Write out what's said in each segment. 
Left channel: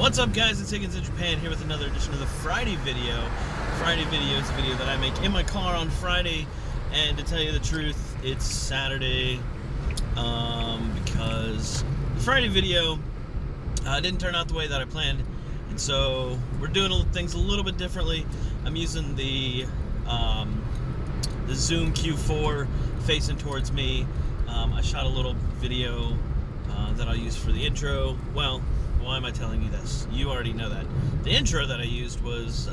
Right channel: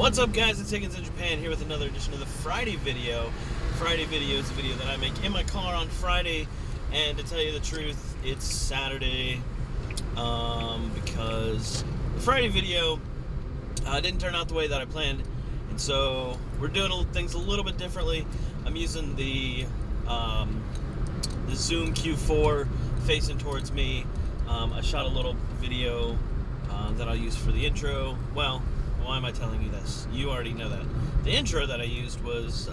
What's up, guys? It's Higgins in Japan here with another edition of the Friday video. Friday video is a video that I make in my car on Friday, and to tell you the truth, it's Saturday because the Friday video didn't turn out the way that I planned, and so we're doing things a little bit differently. I'm using the Zoom Q4 facing towards me. I shot a little video that I'll use for the intro. Well, why am I telling you this? You already know that. The intro that I used was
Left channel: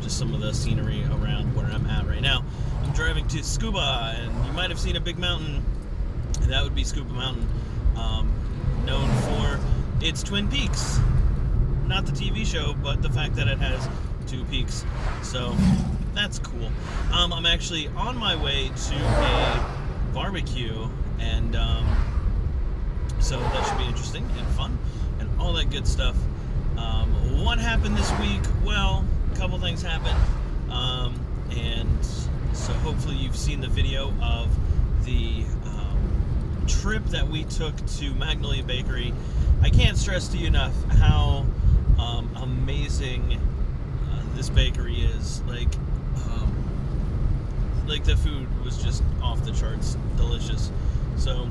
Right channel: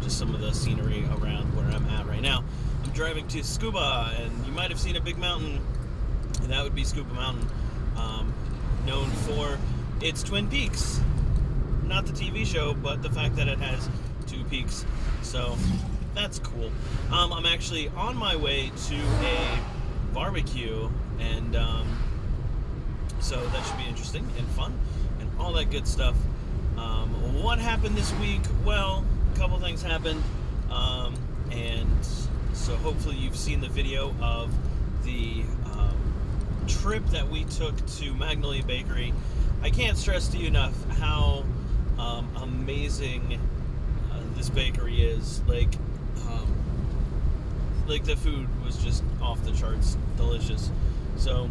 just some of the scenery around where I'm at right now. I'm driving to Scuba, and you might have seen a big mountain, and that would be Scuba Mountain, known for its Twin Peaks. Not the TV show, but the fact that it has two peaks. So that's cool. I'm actually on my way to a barbecue, and so that should be interesting and fun and all that good stuff. What happened this week? Well, a couple things happened, and so hopefully you've seen the video of the trip that we took to Magnolia Bakery. I can't stress to you enough how amazing this bakery is. Like the food was just off the charts delicious. So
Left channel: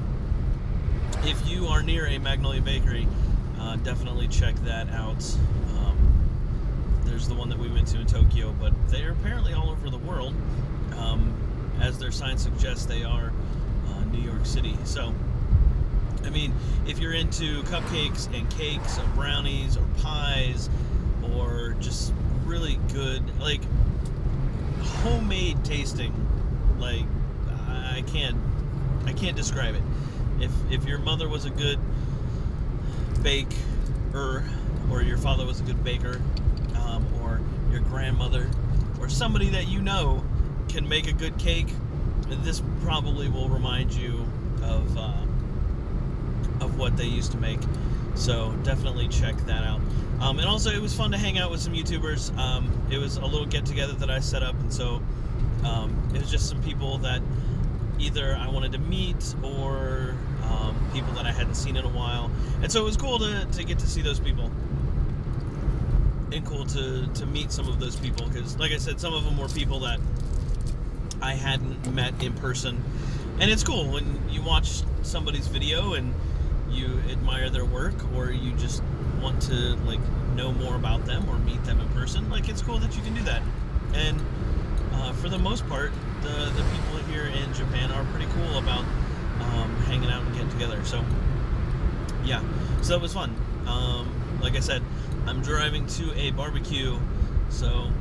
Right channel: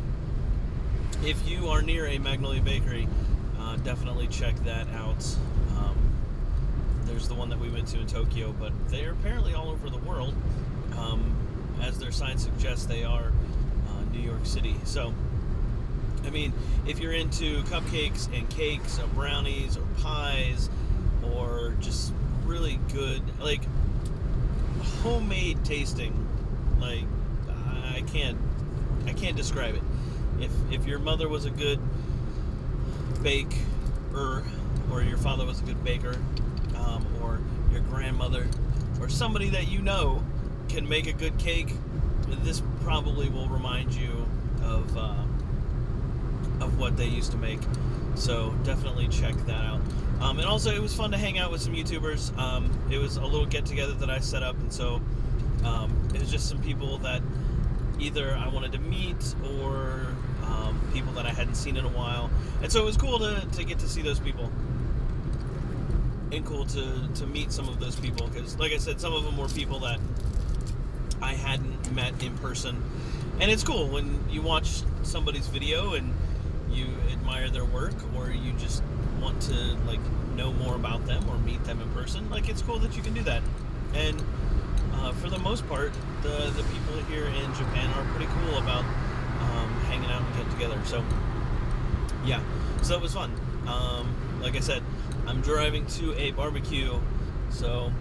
if you are near a Magnolia Bakery, definitely check that out. There's the one that we went to in Tokyo, but they're apparently all over the world. As their sign suggests, they are New York City. So, I mean, if you're into cupcakes and cakes or brownies or pies or just really good, like, homemade tasting, like, I can't describe it. If your mother was a good baker, or your father was a good baker, or your grandmother, or somebody that you know can make a good cake, this probably will remind you of what they used to make. So definitely check that out. And also, it was fun to hang out with some YouTubers. It was a little get-together that I set up, and so it was just some people that either I wanted to meet or people that I hadn't seen in a while. And so it was cool to get to see those people. And cool to meet some of those people, because, like I said, some of them were people that I hadn't met in person. And it's cool when you watch somebody's video and you admire their work, or you just want to, like, know more about them or meet them in person. Like, it's cool that you can do that. And for the most part, the people here in Japan are pretty cool about hanging out and getting together. So yeah, so that was fun. Like I said, I'm driving to a barbecue, so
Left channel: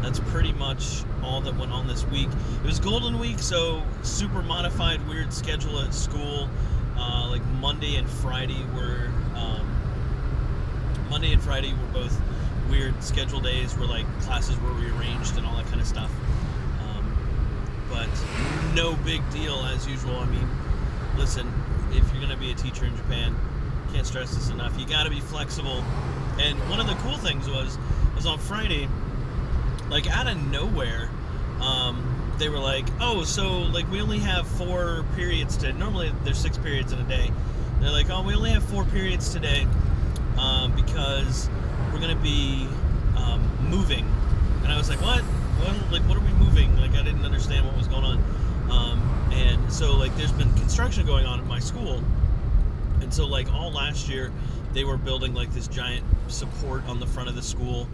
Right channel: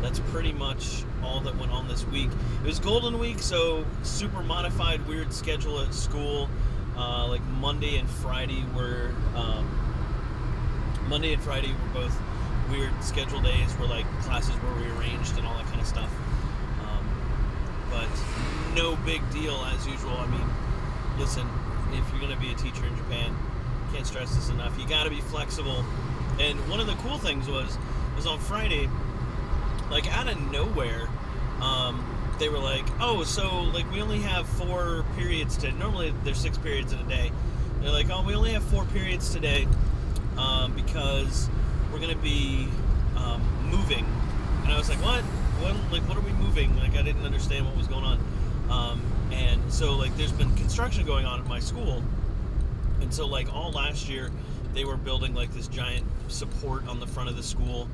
that's pretty much all that went on this week. It was Golden Week, so super modified, weird schedule at school. Like Monday and Friday were both weird schedule days where, like, classes were rearranged and all that kind of stuff. But no big deal as usual. I mean, listen, if you're going to be a teacher in Japan, can't stress this enough, you got to be flexible. And one of the cool things was on Friday, like, out of nowhere, they were like, oh, so, like, we only have 4 periods today. Normally there's 6 periods in a day. They're like, oh, we only have 4 periods today because we're going to be moving. And I was like, what? What are we moving? Like, I didn't understand what was going on. And so, like, there's been construction going on at my school. And so, like, all last year, they were building, like, this giant support on the front of the school,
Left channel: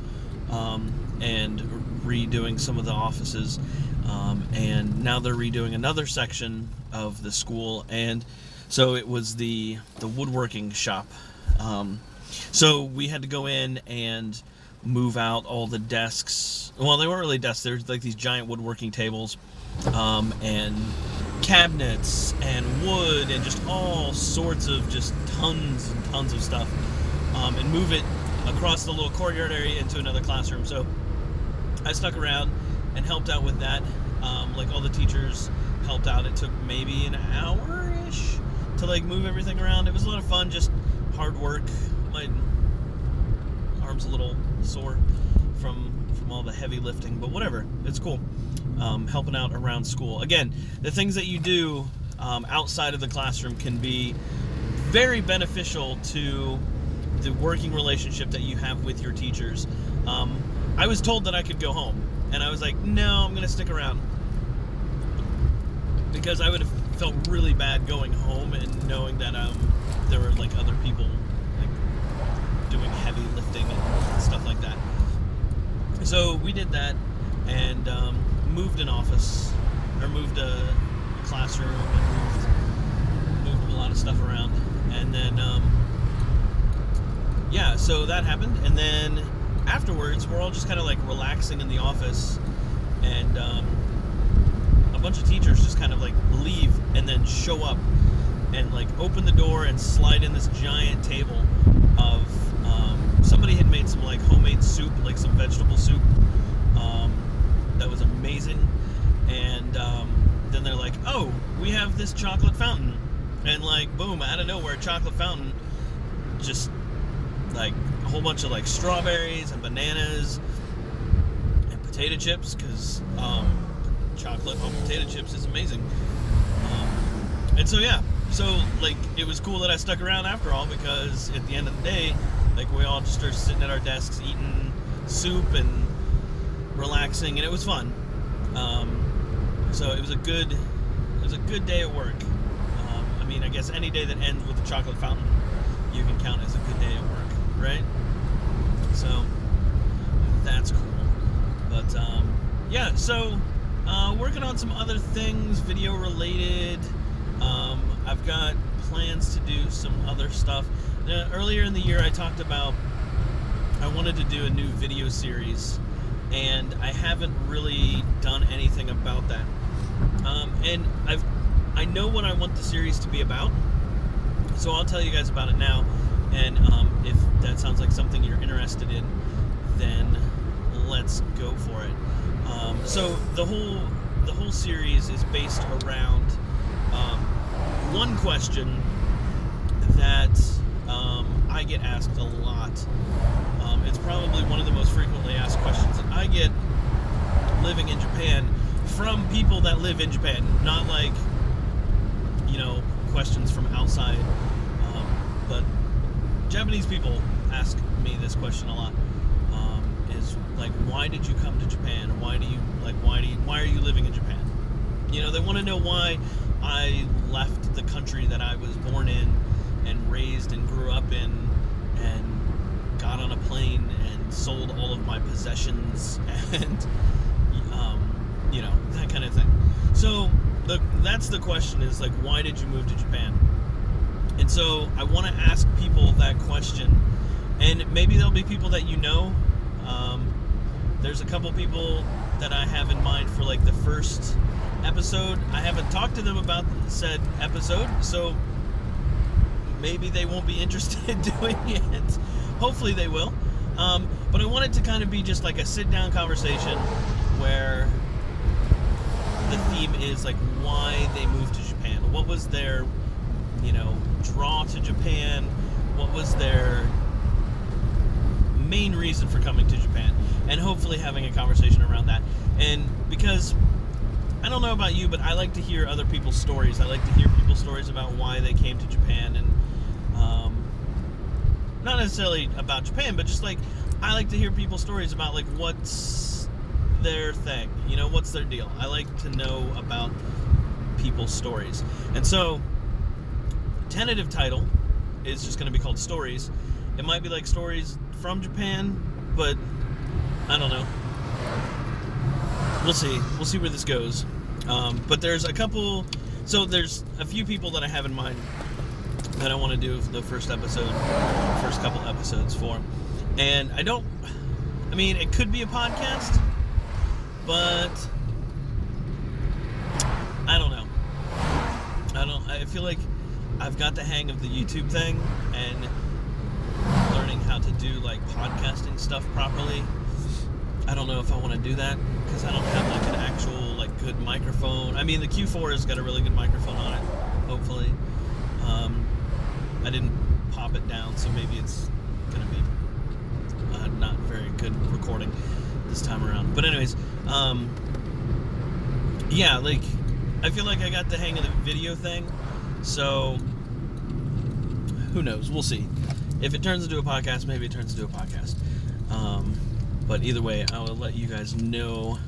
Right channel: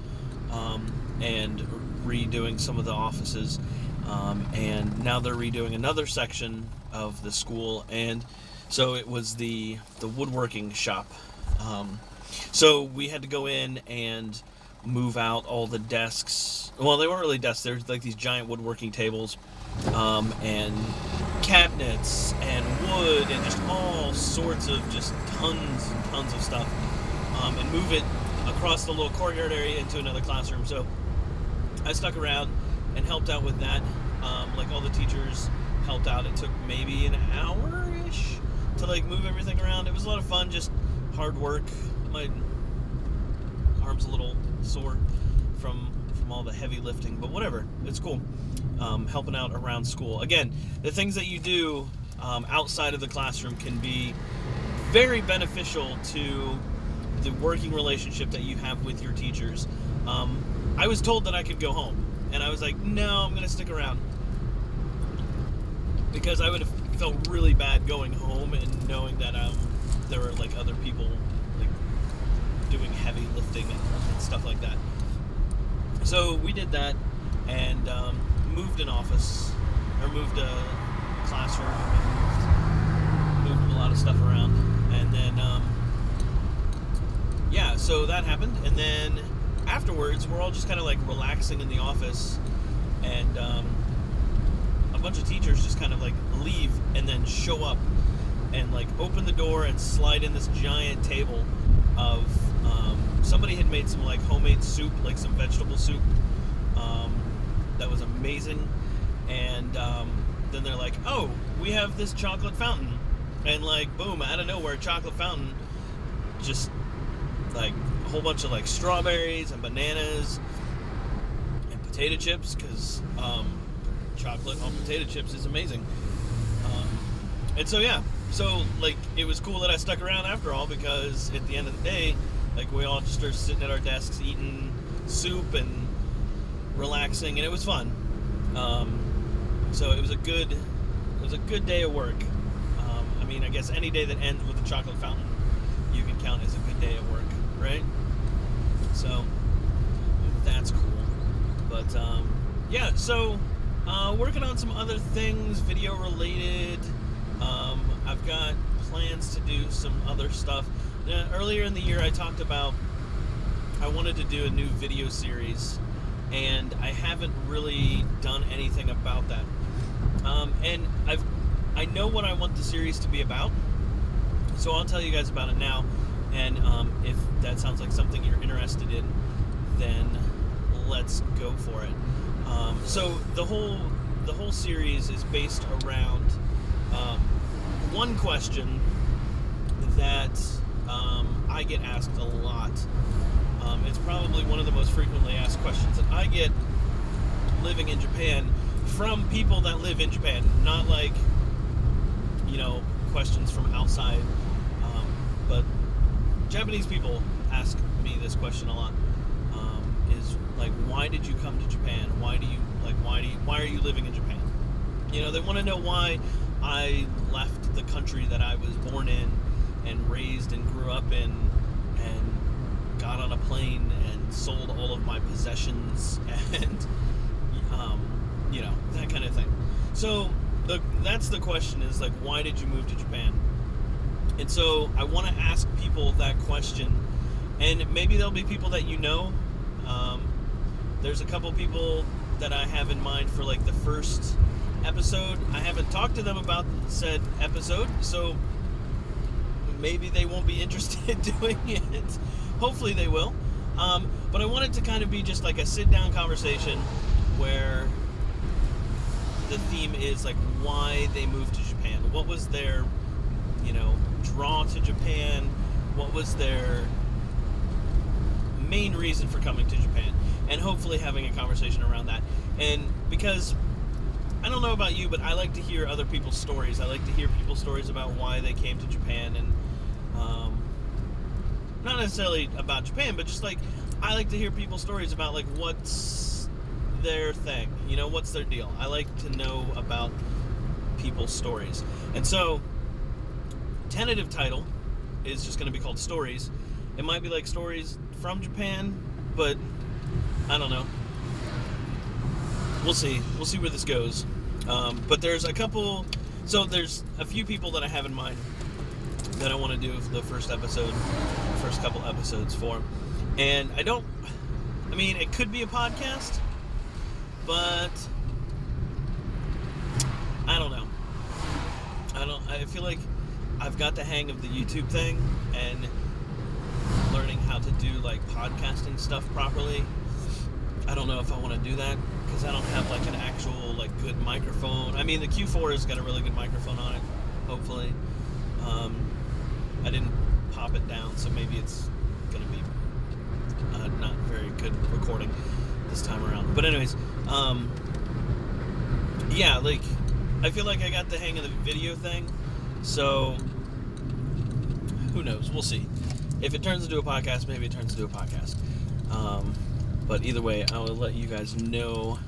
and redoing some of the offices. And now they're redoing another section of the school. And so it was the woodworking shop. So we had to go in and move out all the desks. Well, they weren't really desks. There's, like, these giant woodworking tables, and cabinets and wood and just all sorts of just tons and tons of stuff, and move it across the little courtyard area into another classroom. So I stuck around and helped out with that. Like, all the teachers helped out. It took maybe an hour-ish to, like, move everything around. It was a lot of fun, just hard work. My arm's a little sore from all the heavy lifting, but whatever, it's cool. Helping out around school. Again, the things that you do outside of the classroom can be very beneficial to the working relationship that you have with your teachers. I was told that I could go home, and I was like, no, I'm going to stick around, because I would have felt really bad going home and knowing that there were like other people like doing heavy lifting and stuff like that. So we did that, and moved an office, or moved a classroom, and moved a lot of stuff around, and then yeah, so that happened. And then afterwards, we're all just kind of like relaxing in the office, and a bunch of teachers just kind of like leave and then show up and like open the door and slide in this giant table of somebody had made some like homemade soup, like some vegetable soup, that was amazing. And then they're like, oh, we have this chocolate fountain, and like boom, out of nowhere, chocolate fountain, just like a whole bunch of like strawberries and bananas and potato chips, because chocolate on potato chips is amazing. And so yeah, so like it was cool that I stuck around after all, because at the end of the day, like we all just started sitting at our desks eating soup and relaxing, and it was fun. So it was a good day at work. I mean, I guess any day that ends with a chocolate fountain, you can count as a good day at work, right? So that's cool. But yeah, so working on some other things video related. I've got plans to do some other stuff. Earlier in the year, I talked about I wanted to do a new video series, and I haven't really done anything about that. And I know what I want the series to be about, so I'll tell you guys about it now. And if that sounds like something you're interested in, then let's go for it. So the whole series is based around one question that I get asked a lot. It's probably one of the most frequently asked questions that I get living in Japan, from people that live in Japan, not like, you know, questions from outside, but Japanese people ask me this question a lot. Is like, why did you come to Japan? Why are you living in Japan? You know, they want to know why I left the country that I was born in and raised and grew up in, and got on a plane and sold all of my possessions, and you know, that kind of thing. So that's the question, is like, why did you move to Japan? And so I want to ask people that question, and maybe there'll be people that you know. There's a couple people that I have in mind for like the first episode. I haven't talked to them about said episode, so maybe they won't be interested in doing it. Hopefully they will. But I want it to kind of be just like a sit-down conversation where the theme is like why they moved to Japan. What was their, you know, draw to Japan? What was their main reason for coming to Japan? And hopefully having a conversation around that. And because I don't know about you, but I like to hear other people's stories. I like to hear people's stories about why they came to Japan, and not necessarily about Japan, but just like I like to hear people's stories about like what's their thing, you know, what's their deal. I like to know about people's stories. And so tentative title is just going to be called Stories. It might be like Stories from Japan, but I don't know. We'll see where this goes. But there's a few people that I have in mind that I want to do the first couple episodes for. And I mean, it could be a podcast, but I don't know. I feel like I've got the hang of the YouTube thing and learning how to do like podcasting stuff properly. I don't know if I want to do that, because I don't have like an actual like good microphone. I mean, the Q4 has got a really good microphone on it, hopefully. I didn't pop it down, so maybe it's gonna be not very good recording this time around. But anyways, yeah, like I feel like I got the hang of the video thing, so who knows? We'll see. If it turns into a podcast, maybe it turns into a podcast. But either way, I will let you guys know.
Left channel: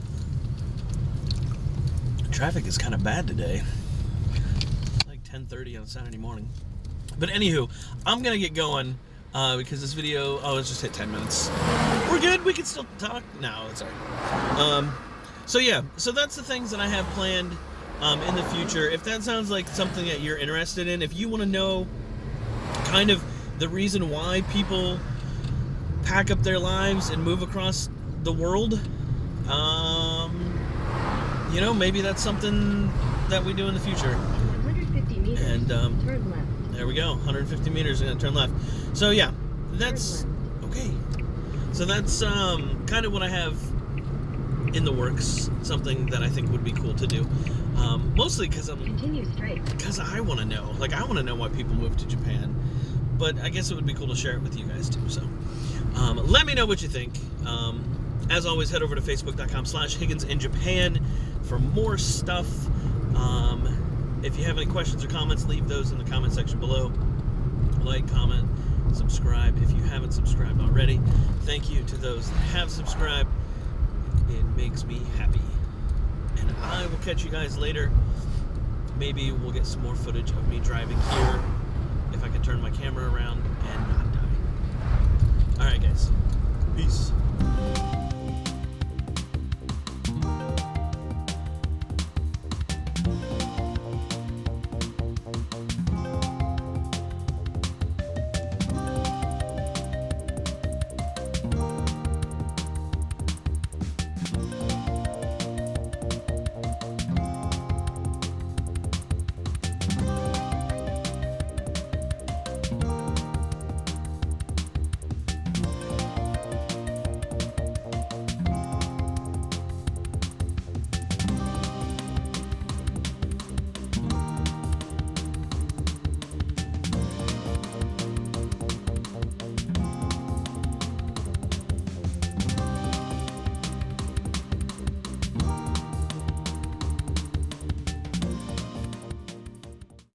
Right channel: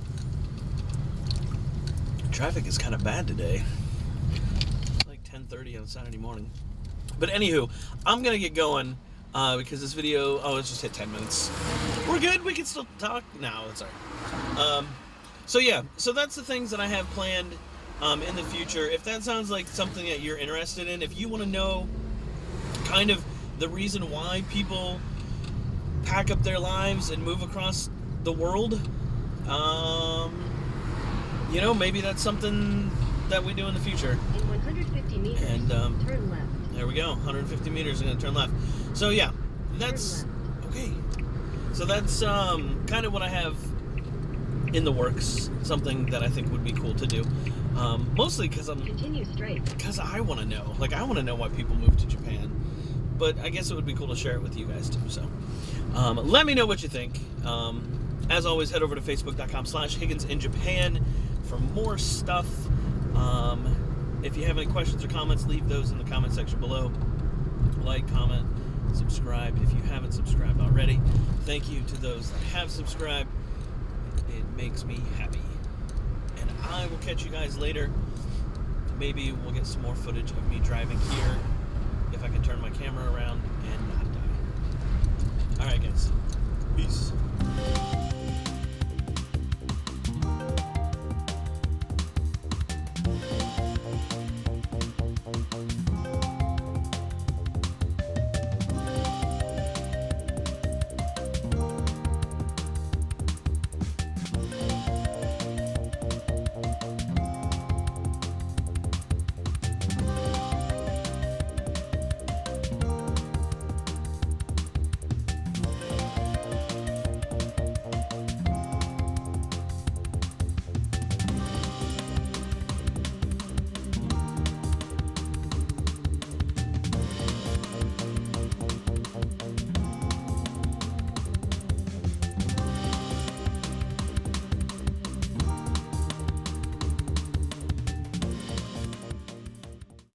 Traffic is kind of bad today. Like 10:30 on Saturday morning. But anywho, I'm going to get going because this video... Oh, let's just hit 10 minutes. We're good. We can still talk. No, that's all right. So yeah, so that's the things that I have planned in the future. If that sounds like something that you're interested in, if you want to know kind of the reason why people pack up their lives and move across the world, you know, maybe that's something that we do in the future. In 150 meters, and turn left. There we go, 150 meters and then turn left. So yeah, that's okay. So that's kind of what I have in the works, something that I think would be cool to do. Mostly because Continue straight. because I want to know. Like, I want to know why people move to Japan. But I guess it would be cool to share it with you guys too. So let me know what you think. As always, head over to facebook.com/Higgins in Japan for more stuff. If you have any questions or comments, leave those in the comment section below. Like, comment, subscribe if you haven't subscribed already. Thank you to those that have subscribed. It makes me happy. And I will catch you guys later. Maybe we'll get some more footage of me driving here if I can turn my camera around and not die. Alright guys, peace.